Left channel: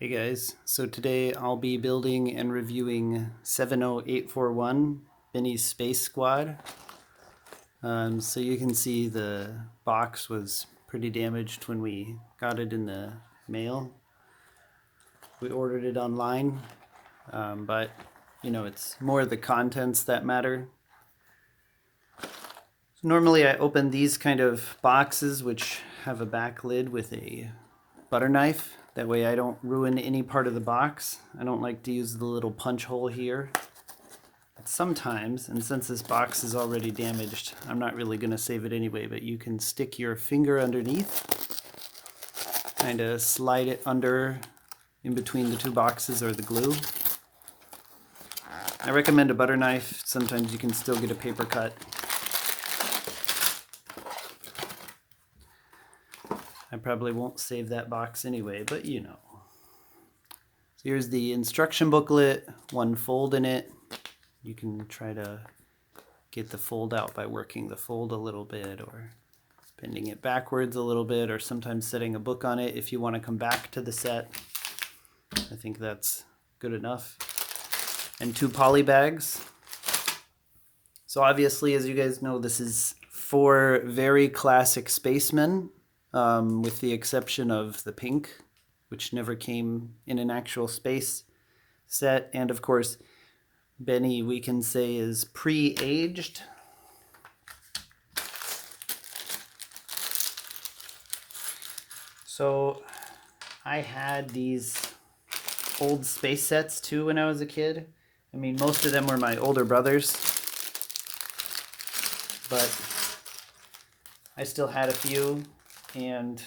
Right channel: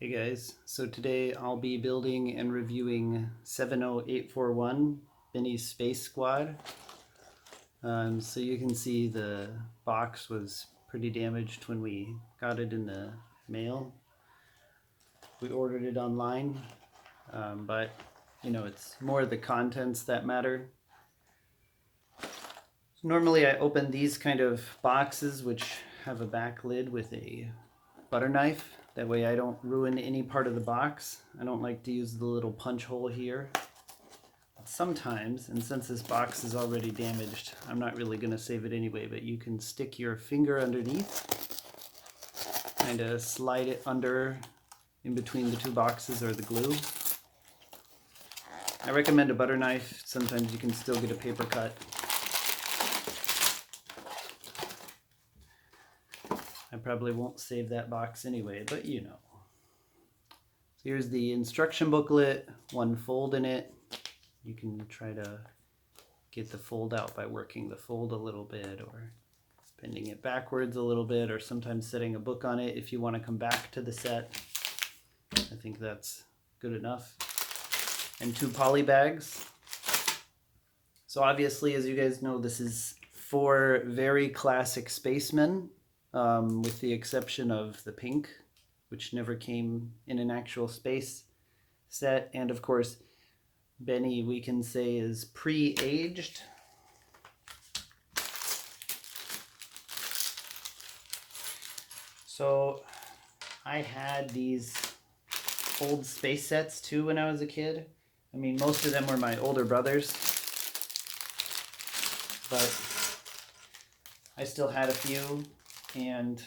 Hey guys, so today I'll be building and reviewing 70841 Benny's Space Squad. So you can see the box was pretty damaged when we got it in the mail. We ordered it online, but it's more the contents that matter. Normally I open these kind of boxes which have a back lid with a butter knife. That way I don't ruin any part of the box. I don't like to use the little punch hole here. But sometimes, and since this box is already damaged, I'm not really going to save it anyway, but you can stick your finger underneath, kind of slide it under in between the two boxes or the glue. I recommend a butter knife. Sometimes you can still get a paper cut. I probably won't save that box anyway, but you know. So here's the instruction booklet, one fold in it. You can try to get the fold out by working the fold a little bit or bending it backwards a little bit, or sometimes setting a book on it if you want to come back to the set. I think that's good enough. And 2 poly bags. So obviously, as you guys know, this is 4 very classic spacemen, with the exception of the pink, which never came in an actual space set. And of course, Benny, we can say, is pre-aged. So I had these old space sets too when I was a kid. I mean, most of them were my older brothers, but I still had a few, and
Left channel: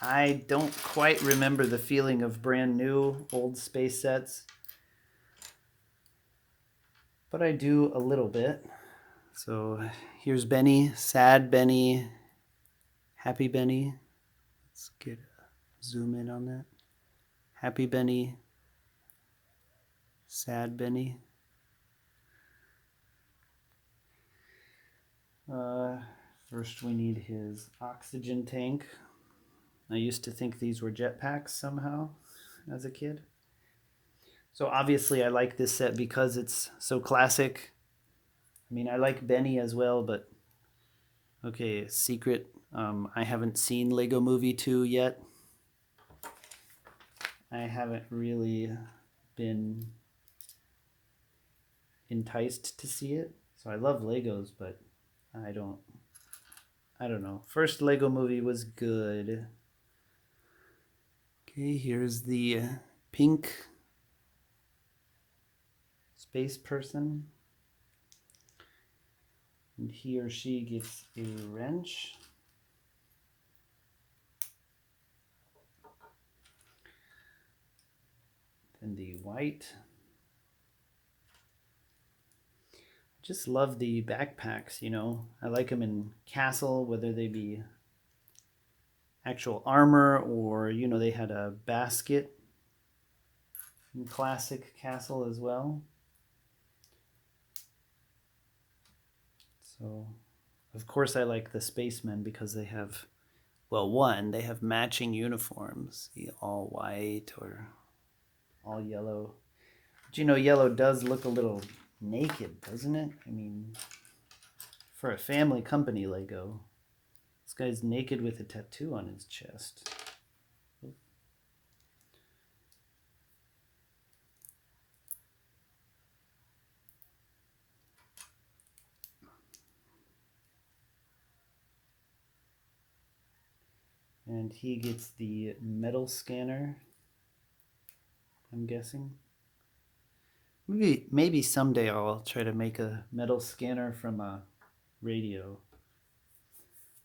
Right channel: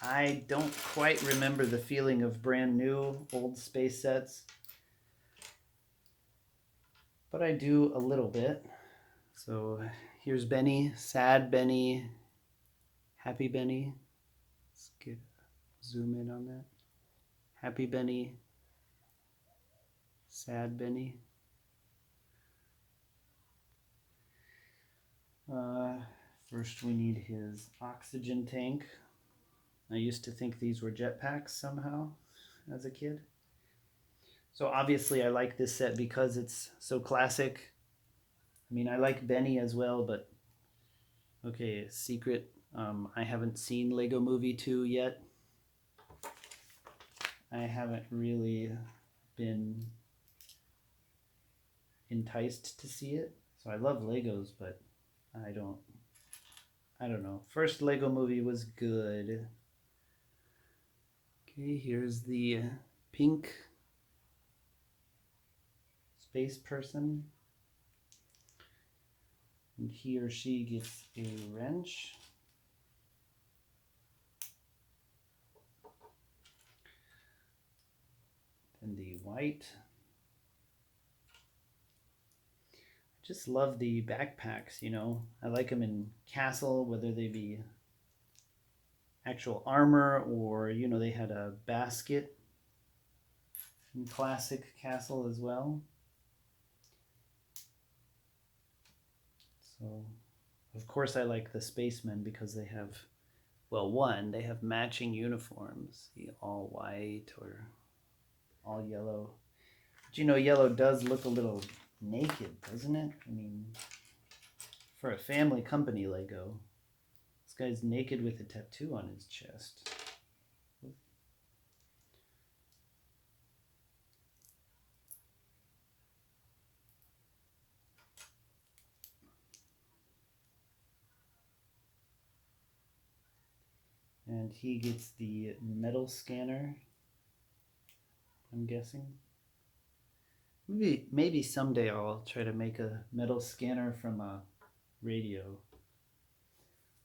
I don't quite remember the feeling of brand new old space sets, but I do a little bit. So here's Benny, sad Benny, happy Benny. Let's get a zoom in on that. Happy Benny, sad Benny. First we need his oxygen tank. I used to think these were jetpacks somehow as a kid. So obviously I like this set because it's so classic. I mean, I like Benny as well, but okay, secret. I haven't seen Lego Movie 2 yet. I haven't really been enticed to see it. So I love Legos, but I don't know. First Lego Movie was good. Okay, here's the pink space person. And he or she gets a wrench. Then the white. Just love the backpacks, you know. I like them in Castle, whether they be actual armor or, you know, they had a basket in classic Castle as well. So, of course, I like the spacemen because they have, well, one, they have matching uniforms, the all white or all yellow. But you know, yellow does look a little naked, doesn't it? I mean, for a family company Lego, this guy's naked with a tattoo on his chest. And he gets the metal scanner, I'm guessing. Maybe someday I'll try to make a metal scanner from a radio.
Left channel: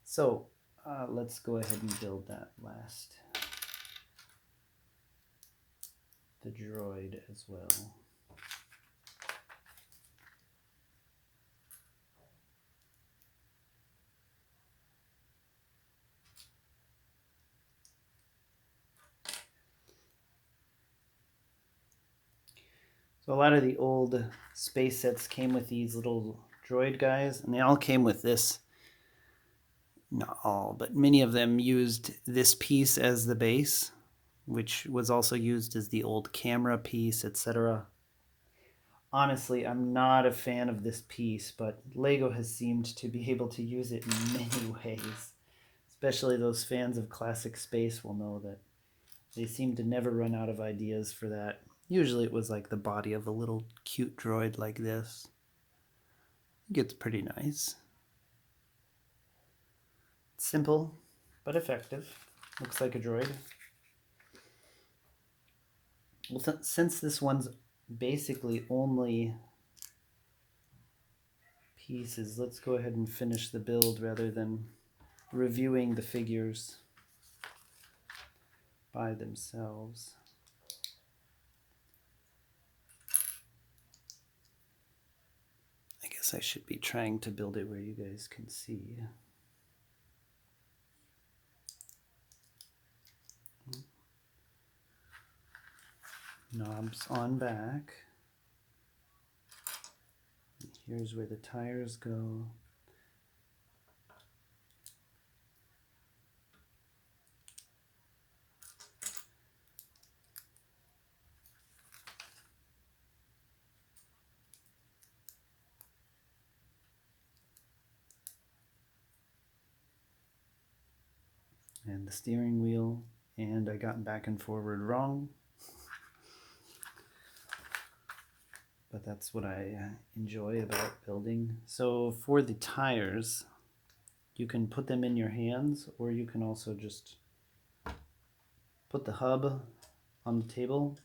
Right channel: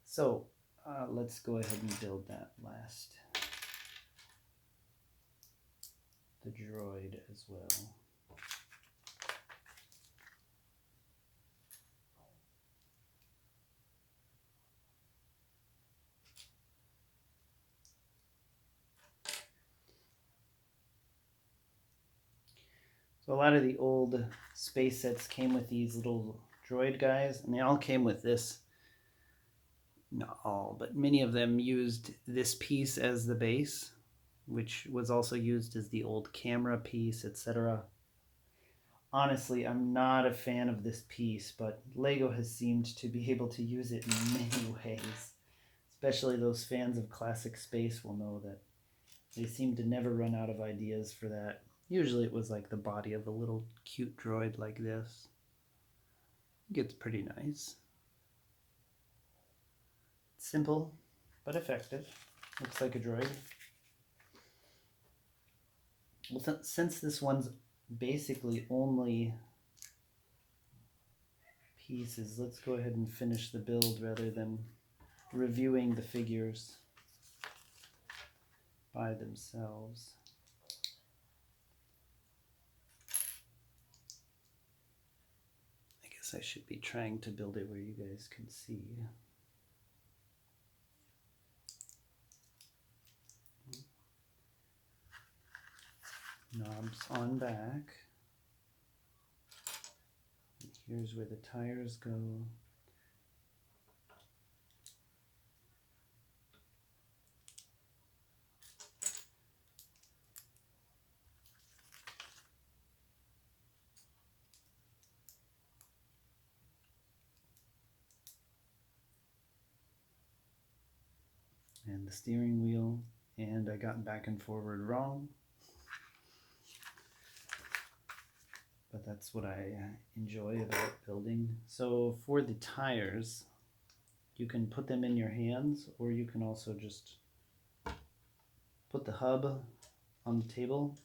So let's go ahead and build that last. The droid as well. So a lot of the old space sets came with these little droid guys, and they all came with this. Not all, but many of them used this piece as the base. which was also used as the old camera piece, etc. Honestly, I'm not a fan of this piece, but LEGO has seemed to be able to use it in many ways. Especially those fans of classic space will know that they seem to never run out of ideas for that. Usually it was like the body of a little cute droid like this. It gets pretty nice. Simple, but effective. Looks like a droid. Well, since this one's basically only pieces, let's go ahead and finish the build rather than reviewing the figures by themselves. I guess I should be trying to build it where you guys can see. Knobs on back. Here's where the tires go. And the steering wheel, and I got back and forward wrong. But that's what I enjoy about building. So for the tires, you can put them in your hands, or you can also just put the hub on the table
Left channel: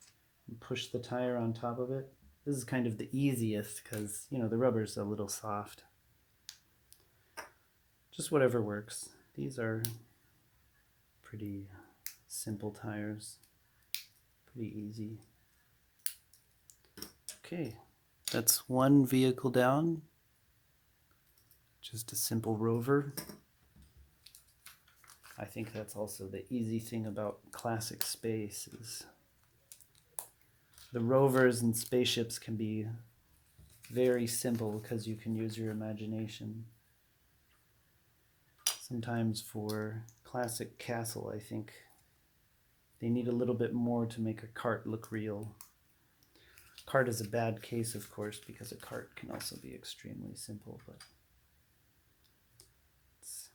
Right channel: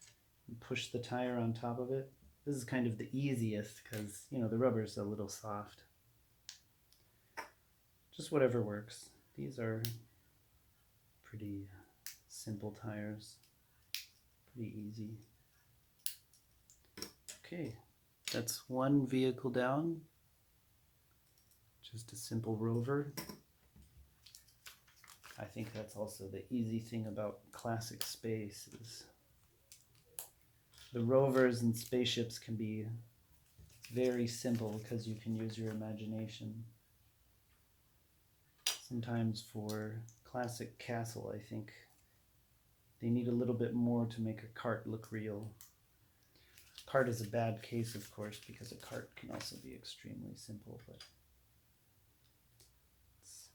and push the tire on top of it. This is kind of the easiest because, you know, the rubber's a little soft. Just whatever works. These are pretty simple tires, pretty easy. Okay, that's one vehicle down. Just a simple rover. I think that's also the easy thing about classic space is the rovers and spaceships can be very simple because you can use your imagination. Sometimes for classic castle, I think they need a little bit more to make a cart look real. Cart is a bad case, of course, because a cart can also be extremely simple, but it's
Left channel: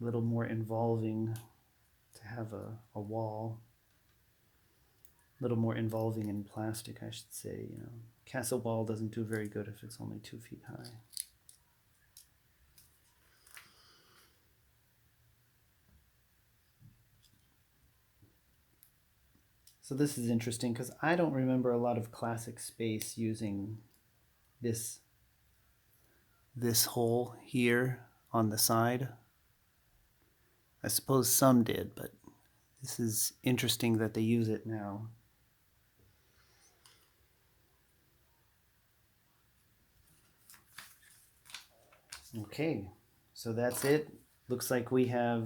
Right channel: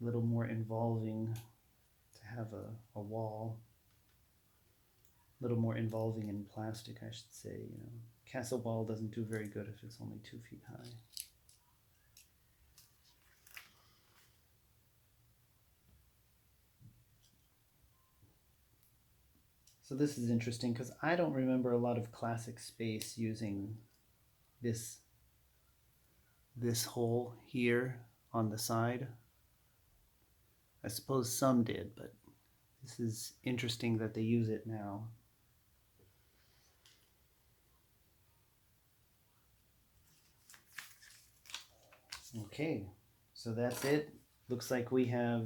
a little more involving to have a wall. A little more involving in plastic, I should say. You know, castle wall doesn't do very good if it's only 2 feet high. So this is interesting because I don't remember a lot of classic space using this hole here on the side. I suppose some did, but this is interesting that they use it now. Okay, so that's it. Looks like we have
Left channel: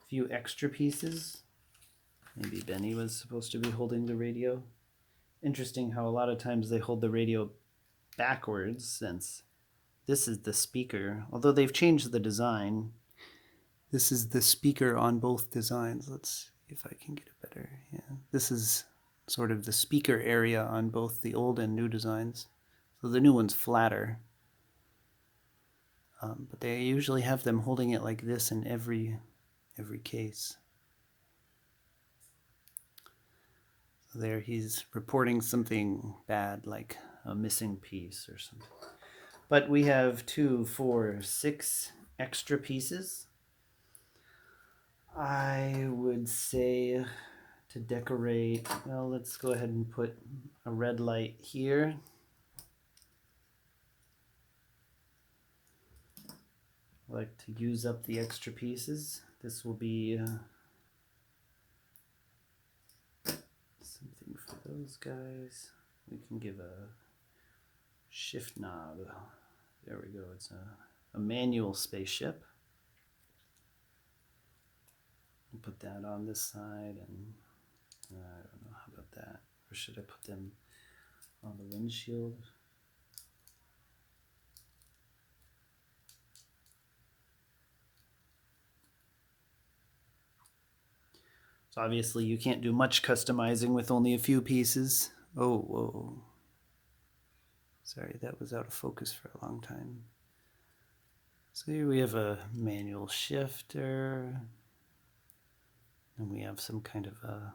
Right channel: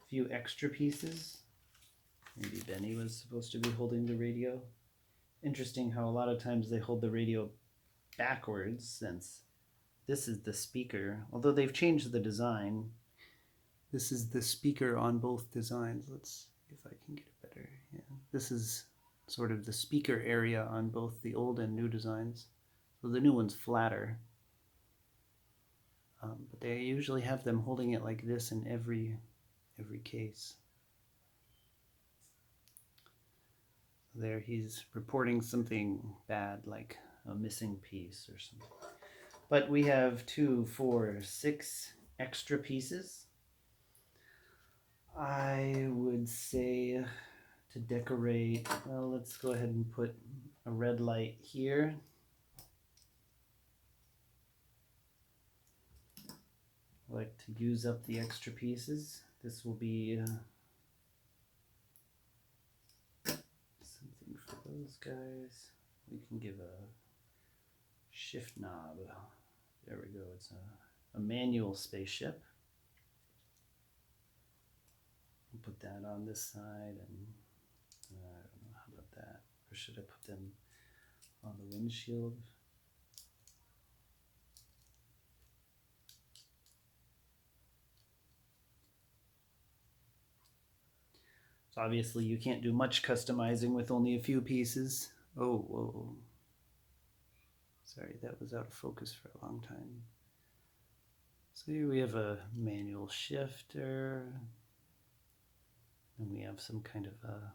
a few extra pieces. Maybe Benny was supposed to be holding the radio. Interesting how a lot of times they hold the radio backwards, since this is the speaker. Although they've changed the design, this is the speaker on both designs. Let's see if I can get it better. Yeah, this is sort of the speaker area on both the old and new designs. So the new one's flatter. But they usually have them holding it like this in every case. So there he's reporting something bad, like a missing piece or something. But we have 2, 4, 6 extra pieces. I would say to decorate, well, let's go ahead and put a red light here. I like to use up the extra pieces. This will be something for those guys. We can give a shift knob. There we go. It's a manual spaceship. Put that on this side, and I don't know, how about that? Or should I put them on the windshield? So obviously you can't do much customizing with only a few pieces. Oh, whoa. Sorry, that was out of focus for a long time. So here we have a manual shifter. And we have some kind of a,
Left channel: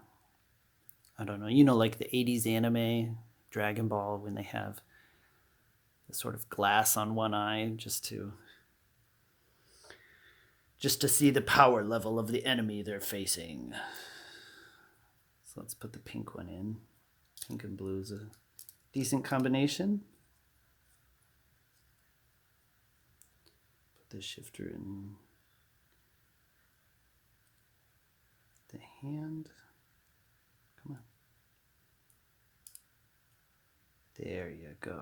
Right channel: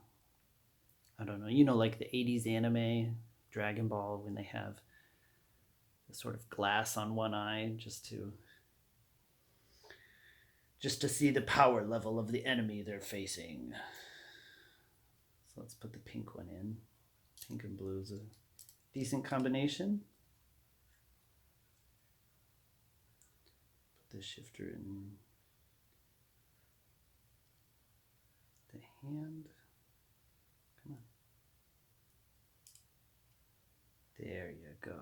I don't know, you know, like the 80s anime, Dragon Ball, when they have the sort of glass on one eye just to see the power level of the enemy they're facing. So let's put the pink one in. Pink and blue is a decent combination. Put the shifter in the hand. Come on. There you go.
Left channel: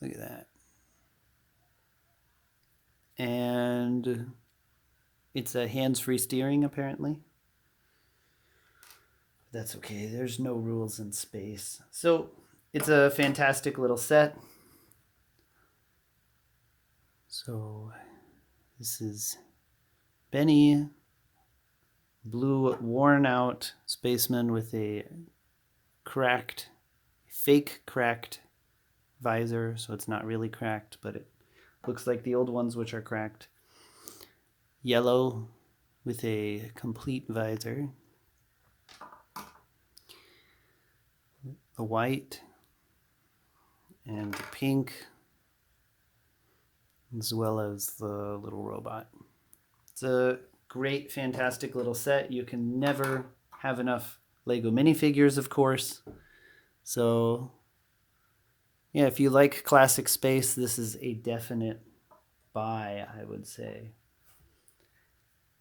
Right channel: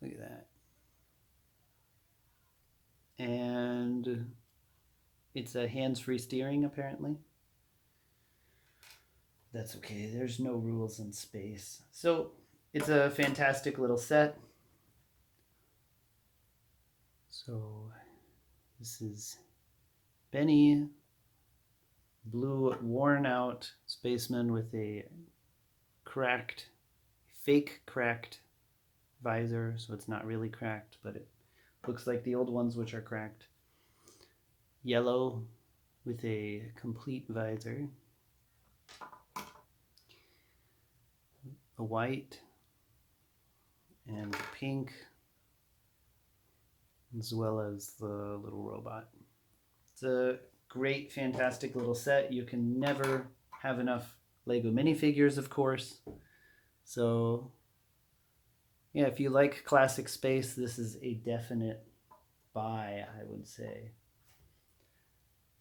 Look at that. And it's a hands-free steering, apparently. That's okay. There's no rules in space. So it's a fantastic little set. So this is Benny, blue worn out spaceman with a fake cracked visor. So it's not really cracked, but it looks like the old ones, which are cracked. Yellow with a complete visor. The white and the pink, as well as the little robot. It's a great, fantastic little set. You can never have enough Lego minifigures, of course. So yeah, if you like classic space, this is a definite buy, I would say.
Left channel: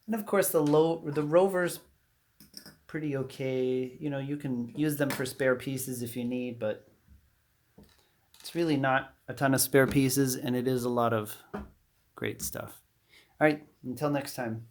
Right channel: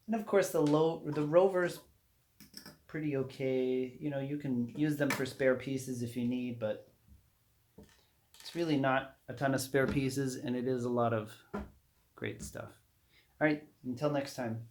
And of course, the Rover's pretty okay. You know, you can use them for spare pieces if you need, but it's really not a ton of spare pieces, and it is a lot of great stuff. All right, until next time.